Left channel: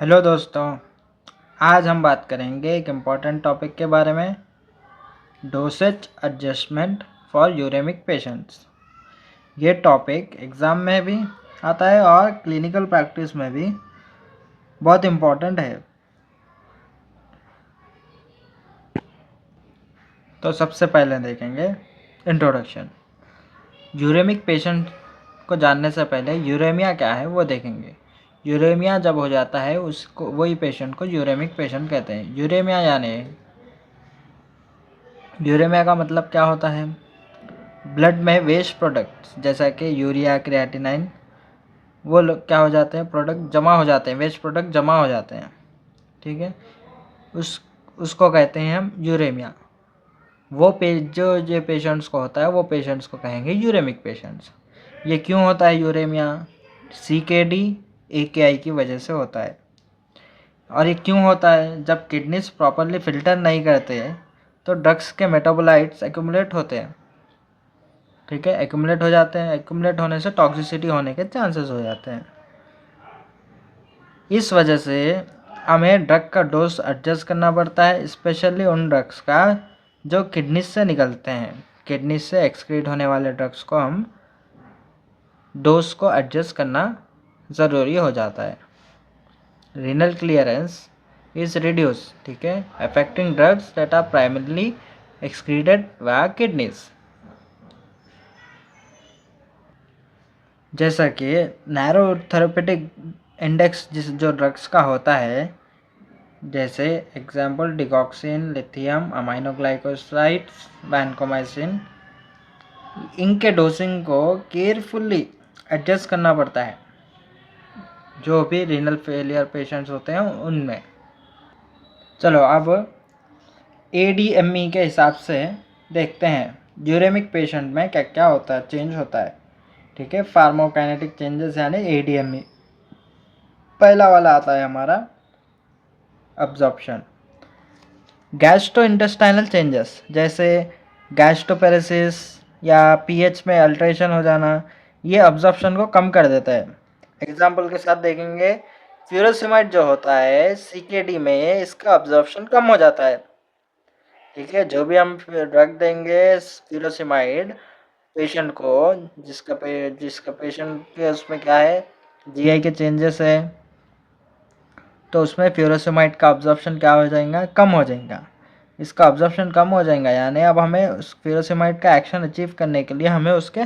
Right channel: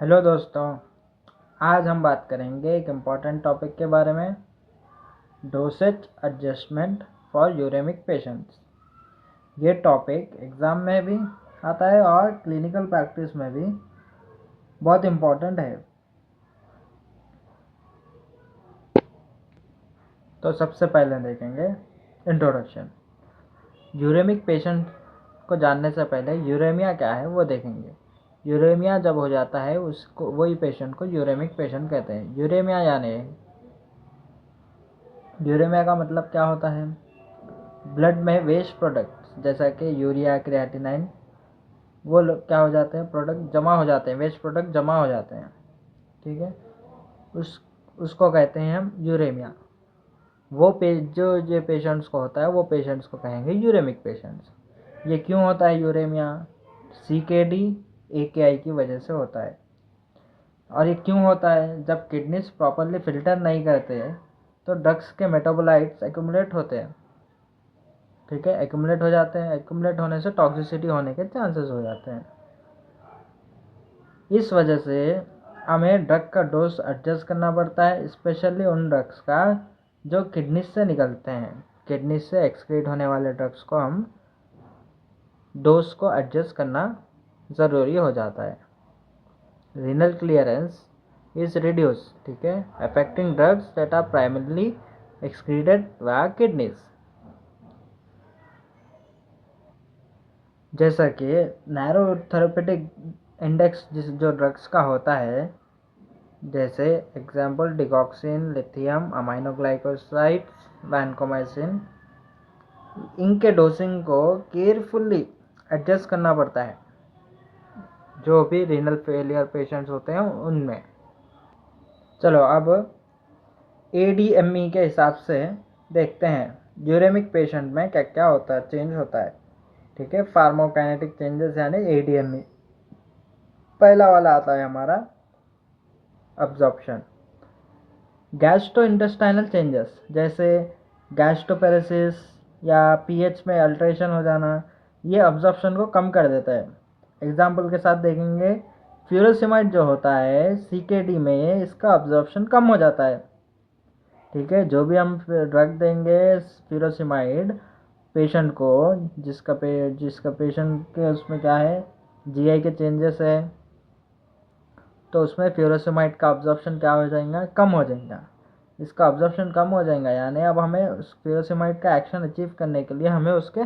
Hello दोस्तों। आज हम बात करेंगे एक इम्पॉर्टेंट टॉपिक के बारे में, dosage adjustment for uremic patients. ये टॉपिक एग्ज़ाम में भी आता है और क्लिनिकल प्रैक्टिस में भी बहुत इम्पॉर्टेंट है। तो सबसे पहले देखेंगे इंट्रोडक्शन। यूरेमिक पेशेंट को जानने से पहले यूरेमिया क्या है वो देखेंगे। यूरेमिया जब हो जाता है उसको वही पेशेंट को यूरेमिक पेशेंट कहते हैं। यूरेमिया का मतलब क्या होता है? ब्लड में वेस्ट प्रोडक्ट्स जैसा कि यूरिया, क्रिएटिनाइन, वो लोग क्या हो जाते हैं, प्रोडक्ट जमा हो जाते हैं, वेस्ट प्रोडक्ट जमा हो जाते हैं। ठीक है, उस उसको कहते हैं हम यूरेमिया। वो जो जो पेशेंट्स को होता है वो पेशेंट्स को कहेंगे यूरेमिक पेशेंट्स। ये क्यों होता है यूरेमिया? CKD AKI की वजह से होता है। और ये क्यों होता है? जब किडनीज प्रॉपरली फिल्टर नहीं करते तो ड्रग्स के मेटाबोलाइट्स एक्यूमुलेट होते हैं। ठीक है, एक्यूमुलेट हो जाते हैं। एक्यूमुलेट होने से टॉक्सिसिटी होने के चांसेस हो जाते हैं। इस वजह से हमें ड्रग का डोज एडजस्ट करना पड़ता है, स्पेशली उन ड्रग्स का जो किडनी से निकलते हैं। किडनी से एक्सक्रीट होने वाले ड्रग्स को हम डोज को एडजस्ट करना ज़रूरी हो जाता है। रीनल क्लियरेंस इज रिड्यूस, ठीक है, affecting drugs that are primarily excreted via kidneys. जैसा कि नैरो थेरेपेटिक इंडेक्स जो ड्रग्स का होता है, जैसे example digoxin, lithium, aminoglycosides, vancomycin, इनके डोसिंग को केयरफुल्ली एडजस्ट करना पड़ता है जो भी रीनल फेलियर पेशेंट्स होते हैं उनमें। चलो अब ADME के हिसाब से देखते हैं यूरेमिक पेशेंट में क्या क्या होता है, चेंज होता है। ठीक है, फार्माकोकाइनेटिक चेंजेस यानी ADME। पहला वाला आता है हमारा अब्जॉर्प्शन। गैस्ट्रोइंटेस्टाइनल चेंजेस जैसे गैस्ट्रोपेरेसिस या पीएच में अल्ट्रेशन हो जाना, ये अब्जॉर्प्शन को कम कर देता है। एग्जाम्पल के साथ देखेंगे, फ्यूरोसिमाइड जो होता है CKD में, इसका अब्जॉर्प्शन कम हो जाता है। ठीक है, जो भी हम ड्रग देंगे फ्यूरोसिमाइड पेशेंट को, जिसका पेशेंट के उसमें क्या है, GI के चेंजेस है, तो उसमें फ्यूरोसिमाइड का अब्जॉर्प्शन क्या हो जाएगा, कम हो जाएगा। इसका अब्जॉर्प्शन कम हो जाएगा यानी अब हमें उस फ्यूरोसिमाइड का एक्शन अचीव करने के लिए हमें उसके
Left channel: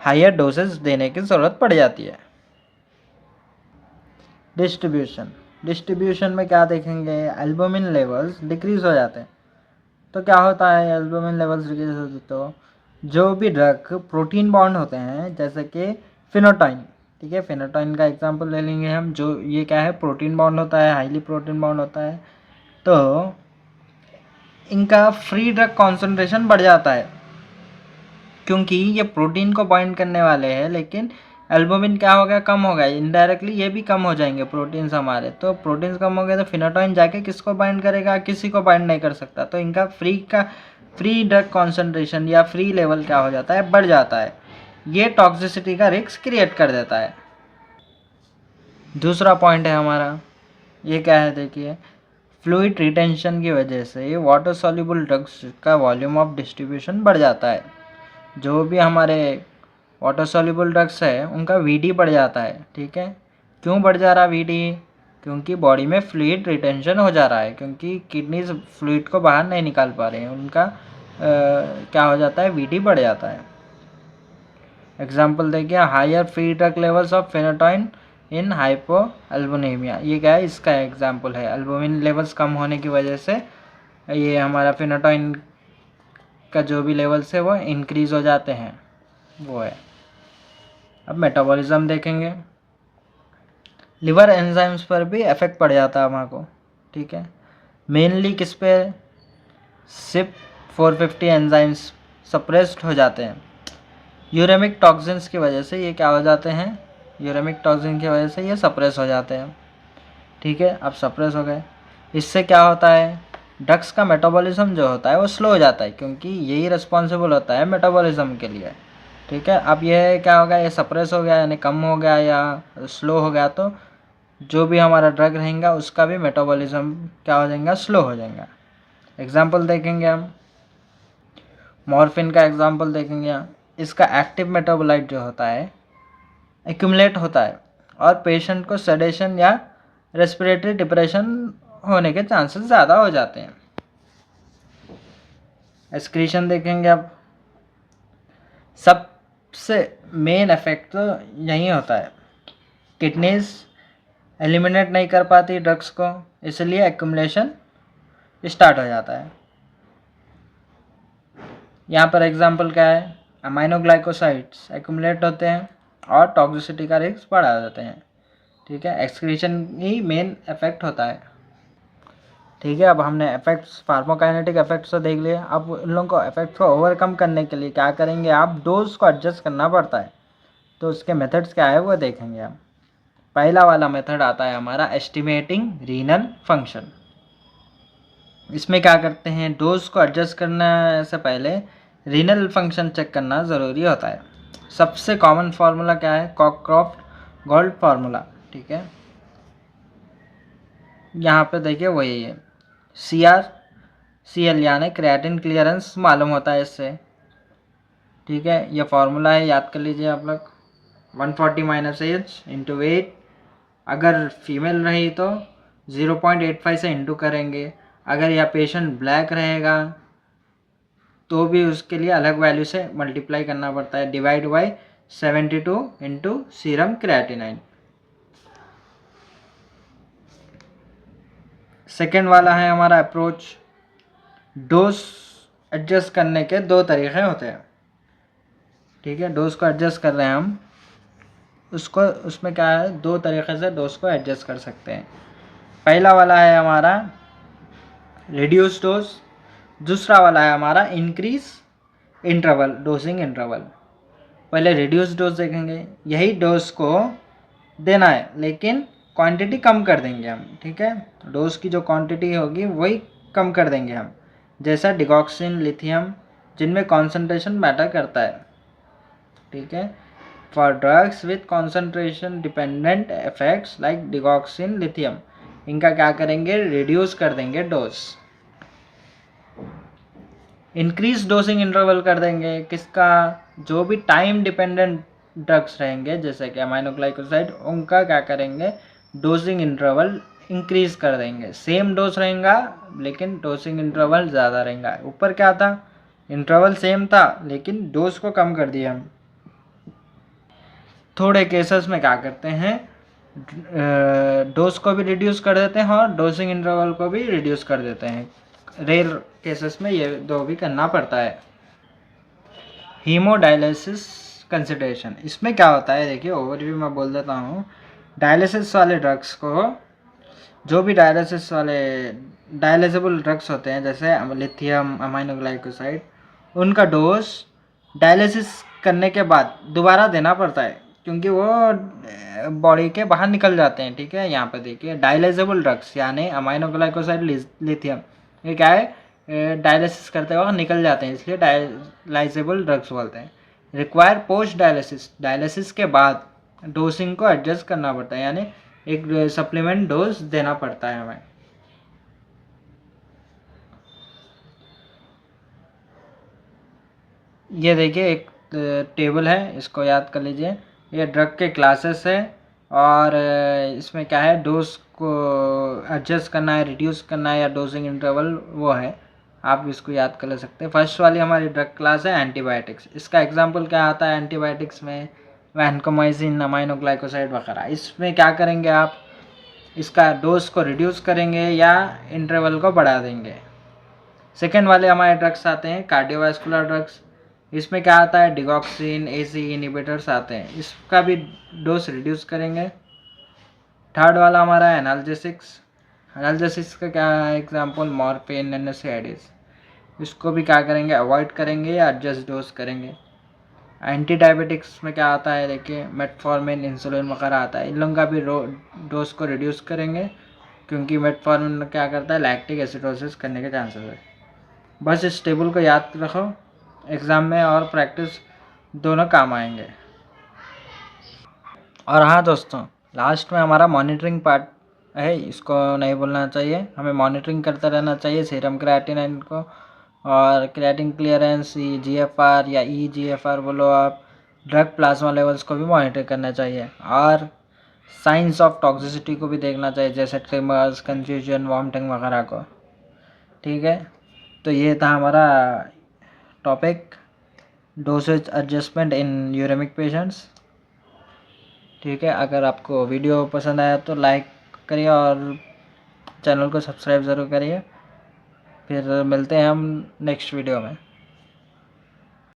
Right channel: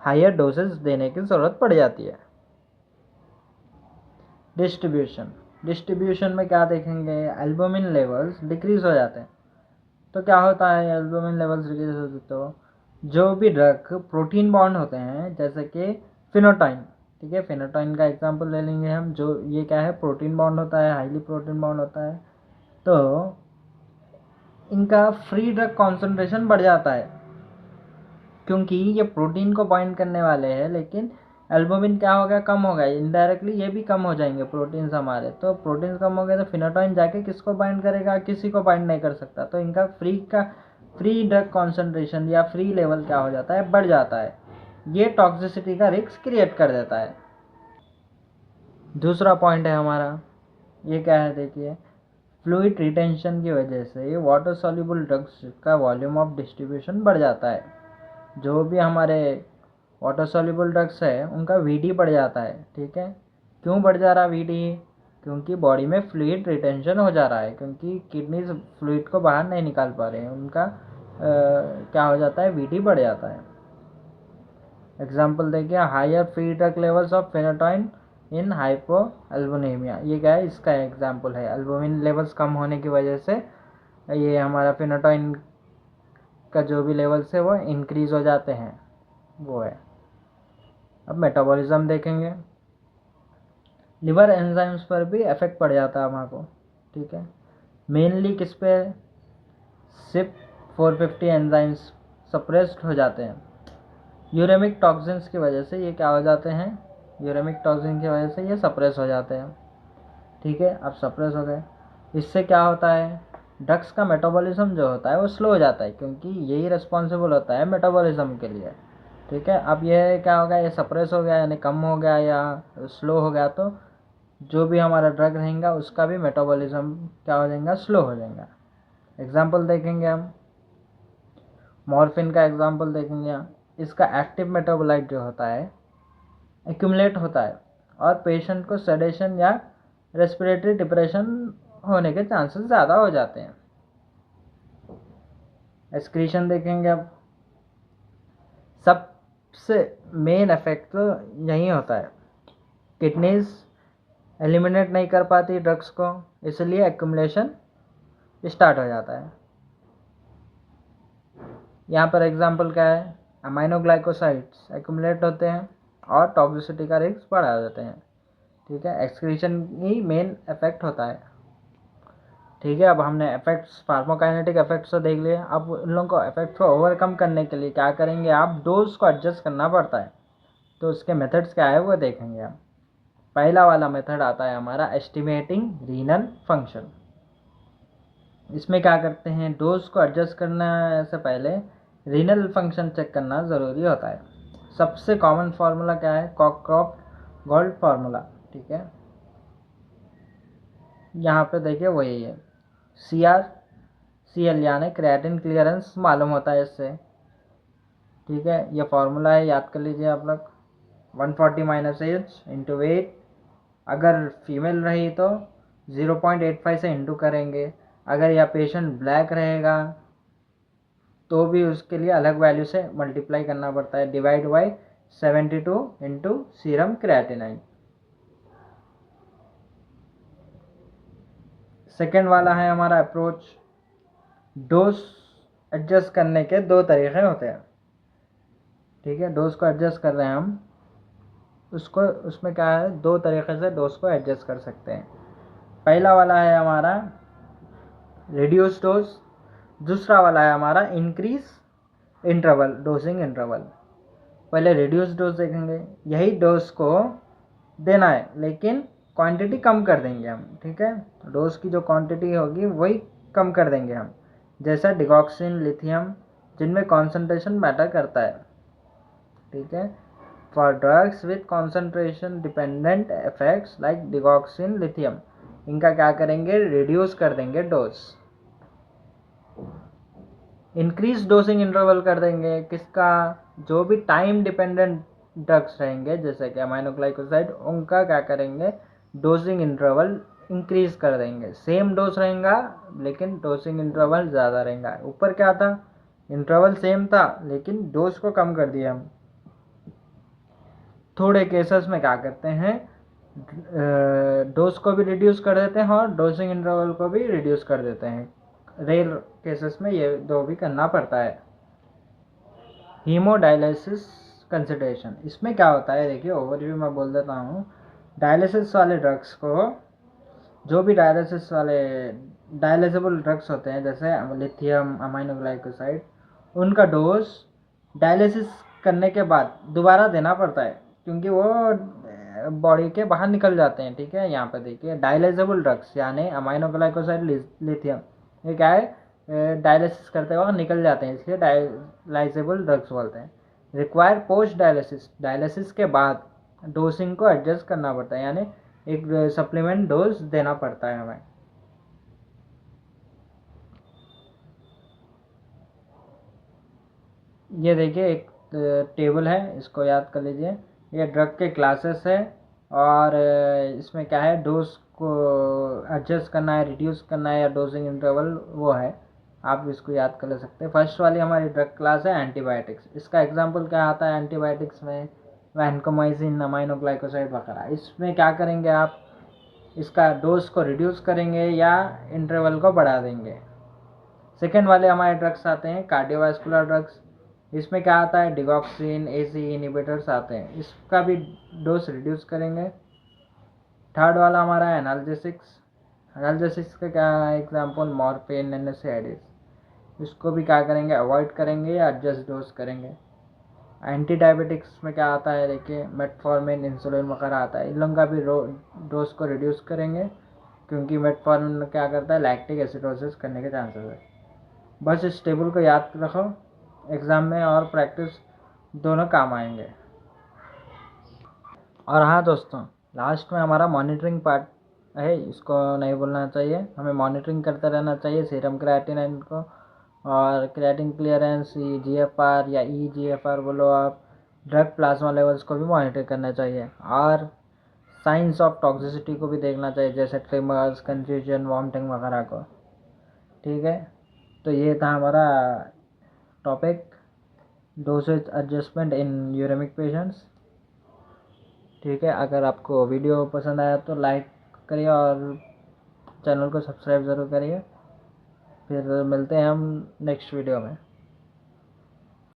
हायर डोसेज देने की ज़रूरत पड़ जाती है। डिस्ट्रीब्यूशन में क्या देखेंगे, एल्बुमिन लेवल्स डिक्रीज हो जाते हैं। तो क्या होता है, एल्बुमिन लेवल्स डिक्रीज होते तो जो भी ड्रग प्रोटीन बॉन्ड होते हैं जैसे कि फिनोटाइन, ठीक है, फिनोटाइन का एग्जांपल ले लेंगे हम, जो ये क्या है, प्रोटीन बॉन्ड होता है, हाईली प्रोटीन बॉन्ड होता है। तो इनका फ्री ड्रग कॉन्सेंट्रेशन बढ़ जाता है क्योंकि ये प्रोटीन को बाइंड करने वाले हैं, लेकिन एल्बुमिन क्या हो गया, कम हो गया। इनडायरेक्टली ये भी कम हो जाएंगे प्रोटीन्स हमारे। तो प्रोटीन्स कम हो गए तो फिनोटाइन जाके किसको बाइंड करेगा, किसी को बाइंड नहीं कर सकता। तो इनका फ्री ड्रग कॉन्सेंट्रेशन या फ्री लेवल क्या हो जाता है, बढ़ जाता है। ये टॉक्सिसिटी का रिस्क क्रिएट कर देता है। दूसरा पॉइंट है हमारा, ये क्या है देखिए, फ्लूइड रिटेंशन की वजह से वाटर सॉल्युबल ड्रग्स का वॉल्यूम ऑफ डिस्ट्रीब्यूशन बढ़ जाता है। जो भी हमारे वाटर सॉल्युबल ड्रग्स है उनका VD बढ़ जाता है। ठीक है, क्यों बढ़ जा रहा VD? क्योंकि बॉडी में फ्लूइड रिटेंशन हो जा रहा है, क्योंकि किडनीज फ्लूइड को बाहर नहीं निकाल पा रहे हैं, उनका क्या हो जाता है, VD बढ़ जाता है। एग्जाम्पल देखिए, higher free drug levels of phenytoin in hypo albuminaemia, ये क्या है, इसका एग्जाम्पल है। एल्बुमिन लेवल्स कम होने की वजह से ये हमारा फेनोटाइन का जो भी लेवल्स है वो इंक्रीज़ हो जाते हैं, वो है। अब मेटाबॉलिज्म देखेंगे, लिवर एंजाइम्स पर भी इफेक्ट पड़ जाता है हमारे को। ठीक है, मेनली किस पे, CYP450 एंजाइम्स सप्रेस्ड हो जाते हैं यूरेमिक टॉक्सिन्स की वजह से। ये क्या हो जाते हैं, यूरेमिक टॉक्सिन की वजह से ये सप्रेस हो जाते हैं। ठीक है, अब सप्रेस हो गए, इससे क्या होता है, ड्रग्स का मेटाबॉलिज्म जो होता है वो स्लो हो जाता है, क्योंकि यही रिस्पॉन्सिबल होता है मेटाबॉलिज्म के लिए। ठीक है, अब ये क्या होगा, ये सप्रेस हो गया यानी कम हो गया या स्लो हो गया, तो जो भी हमारा ड्रग रहेगा उसका भी मेटाबॉलिज्म क्या हो जाएगा, स्लो हो जाएगा। एग्जाम्पल देखेंगे हम, मॉर्फिन का एग्जाम्पल देखेंगे। इसका एक्टिव मेटाबोलाइट जो होता है एक्यूमुलेट होता है और पेशेंट को सेडेशन या रेस्पिरेटरी डिप्रेशन होने के चांसेस ज़्यादा हो जाते हैं। एक्सक्रीशन देखेंगे अब, सबसे मेन इफेक्ट तो यही होता है, किडनीज एलिमिनेट नहीं कर पाती ड्रग्स को, इसलिए एक्यूमुलेशन स्टार्ट हो जाता है। यहाँ पर एग्जांपल क्या है, अमाइनोग्लाइकोसाइड्स एक्यूमुलेट होते हैं और टॉक्सिसिटी का रिस्क बढ़ा देते हैं। ठीक है, एक्सक्रीशन ही मेन इफेक्ट होता है। ठीक है, अब हमने इफेक्ट्स, फार्माकोकाइनेटिक इफेक्ट्स तो देख लिए। अब उन लोगों को इफेक्ट्स को ओवरकम करने के लिए क्या करेंगे, आप डोज को एडजस्ट करना पड़ता है। तो उसके मेथड्स क्या है वो देखेंगे हम। पहला वाला मेथड आता है हमारा एस्टिमेटिंग रीनल फंक्शन। इसमें क्या करते हैं, डोज को एडजस्ट करने से पहले रीनल फंक्शन चेक करना ज़रूरी होता है। सबसे कॉमन फार्मूला क्या है, कॉकक्रॉफ्ट गोल्ड फार्मूला। ठीक है, यहाँ पे देखिए वही है, CrCl यानी क्रिएटिन क्लियरेंस मालूम होता है इससे। ठीक है, ये फार्मूला है, याद कर लीजिए आप लोग। 140 - H इंटू वेट, अगर फीमेल रही तो 0.85 से इंटू करेंगे। अगर यह पेशेंट ब्लैक रहेगा तो भी उसके लिए अलग वैल्यू से मल्टीप्लाई करना पड़ता है, divide by 72 into serum creatinine. Second वाला है हमारा अप्रोच। डोज एडजस्ट करने के दो तरीके होते हैं। ठीक है, डोज को एडजस्ट कर रहे हैं हम, उसको उसमें क्या है, दो तरीके से डोज को एडजस्ट कर सकते हैं। पहला वाला है हमारा रिड्यूस डोज, दूसरा वाला है हमारा इंक्रीज इंटरवल, डोजिंग इंटरवल। पहले रिड्यूस डोज देखेंगे, यही डोज को देना है लेकिन क्वांटिटी कम कर देंगे हम। ठीक है, डोज की जो क्वांटिटी होगी वही कम कर देंगे हम, जैसा डिगॉक्सिन, लिथियम, जिनमें कॉन्सेंट्रेशन मैटर करता है। ठीक है, for drugs with concentration dependent effects like digoxin, lithium, इनका क्या करेंगे, रिड्यूस कर देंगे डोज। इंक्रीज डोजिंग इंटरवल कर देंगे किसका, जो भी टाइम डिपेंडेंट ड्रग्स रहेंगे जैसे कि अमाइनोग्लाइकोसाइड, उनका क्या करेंगे, डोजिंग इंटरवल इंक्रीज कर देंगे। सेम डोज रहेगा लेकिन डोजिंग इंटरवल ज़्यादा रहेगा। ऊपर क्या था, इंटरवल सेम था लेकिन डोज को कम कर दिया हम। थोड़े केसेस में क्या करते हैं, डोज को भी रिड्यूस कर देते हैं और डोजिंग इंटरवल को भी रिड्यूस कर देते हैं। रेयर केसेस में ये दो भी करना पड़ता है। हीमोडायलिसिस कंसिडरेशन, इसमें क्या होता है देखिए, ओवरव्यू में बोल देता हूँ। डायलिसिस वाले ड्रग्स को, जो भी डायलिसिस वाले डायलिसिबल ड्रग्स होते हैं जैसे लिथियम, अमाइनोग्लाइकोसाइड, उनका डोज डायलिसिस करने के बाद दोबारा देना पड़ता है क्योंकि वो बॉडी के बाहर निकल जाते हैं। ठीक है, यहाँ पे देखिए डायलिसिबल ड्रग्स यानी अमाइनोग्लाइकोसाइड, लिथियम, ये क्या है, डायलिसिस करते वक्त निकल जाते हैं, इसलिए डायलिसिबल ड्रग्स बोलते हैं। रिक्वायर पोस्ट डायलिसिस, डायलिसिस के बाद डोजिंग को एडजस्ट करना पड़ता है, यानी एक सप्लीमेंट डोज देना पड़ता है हमें। ये देखिए एक टेबल है, इसको याद कर लीजिए। ये ड्रग के क्लासेस है और इसमें क्या है, डोज को एडजस्ट करना है, रिड्यूस करना है या डोजिंग इंटरवल वो है, आप इसको याद कर ले सकते हैं। फर्स्ट वाली हमारी ड्रग क्लास है एंटीबायोटिक्स। इसका एग्जांपल क्या आता है एंटीबायोटिक्स में, वैनकोमाइसिन, अमाइनोग्लाइकोसाइड वगैरह। इसमें क्या करेंगे आप, इसका डोज को रिड्यूस करेंगे या इंटरवल को बढ़ा देंगे। सेकेंड वाले हमारे ड्रग्स आते हैं कार्डियोवास्कुलर ड्रग्स। इसमें क्या आता है, डिगॉक्सिन, ACE इनिबिटर्स आते हैं, इसका भी डोज रिड्यूस करेंगे। थर्ड वाला हमारा है एनाल्जेसिक्स। एनाल्जेसिक्स का क्या एग्जांपल, मॉर्फिन, NSAIDs, इसको भी क्या करेंगे, अवॉइड करेंगे या एडजस्ट डोज करेंगे। एंटी डायबिटिक्स में क्या आता है देखिए, मेटफॉर्मिन, इंसुलिन वगैरह आता है, इन लोगों का भी डोज को रिड्यूस करेंगे क्योंकि मेटफॉर्मिन क्या करता है, लैक्टिक एसिडोसिस करने के चांसेस है। बस इस टेबल को याद रखो, एग्ज़ाम में और प्रैक्टिस दोनों काम आएंगे। और हाँ दोस्तों, लास्ट में हमारा मॉनिटरिंग पार्ट है, इसको नहीं भूलना चाहिए, हमें मॉनिटरिंग करते रहना चाहिए सीरम क्रिएटिनिन को, और क्रिएटिन क्लियरेंस GFR या EGFR बोलो आप, ड्रग प्लाज्मा लेवल्स को भी मॉनिटर करना चाहिए, और साइंस ऑफ टॉक्सिसिटी को भी देखना चाहिए, जैसे ट्रिमर्स, कन्फ्यूजन, वॉमिटिंग वगैरह को। ठीक है, तो ये था हमारा topic, dosage adjustment in uremic patients. ठीक है, अगर आपको वीडियो पसंद आया तो लाइक करिए और चैनल को सब्सक्राइब ज़रूर करिए। फिर मिलते हैं हम नेक्स्ट वीडियो में।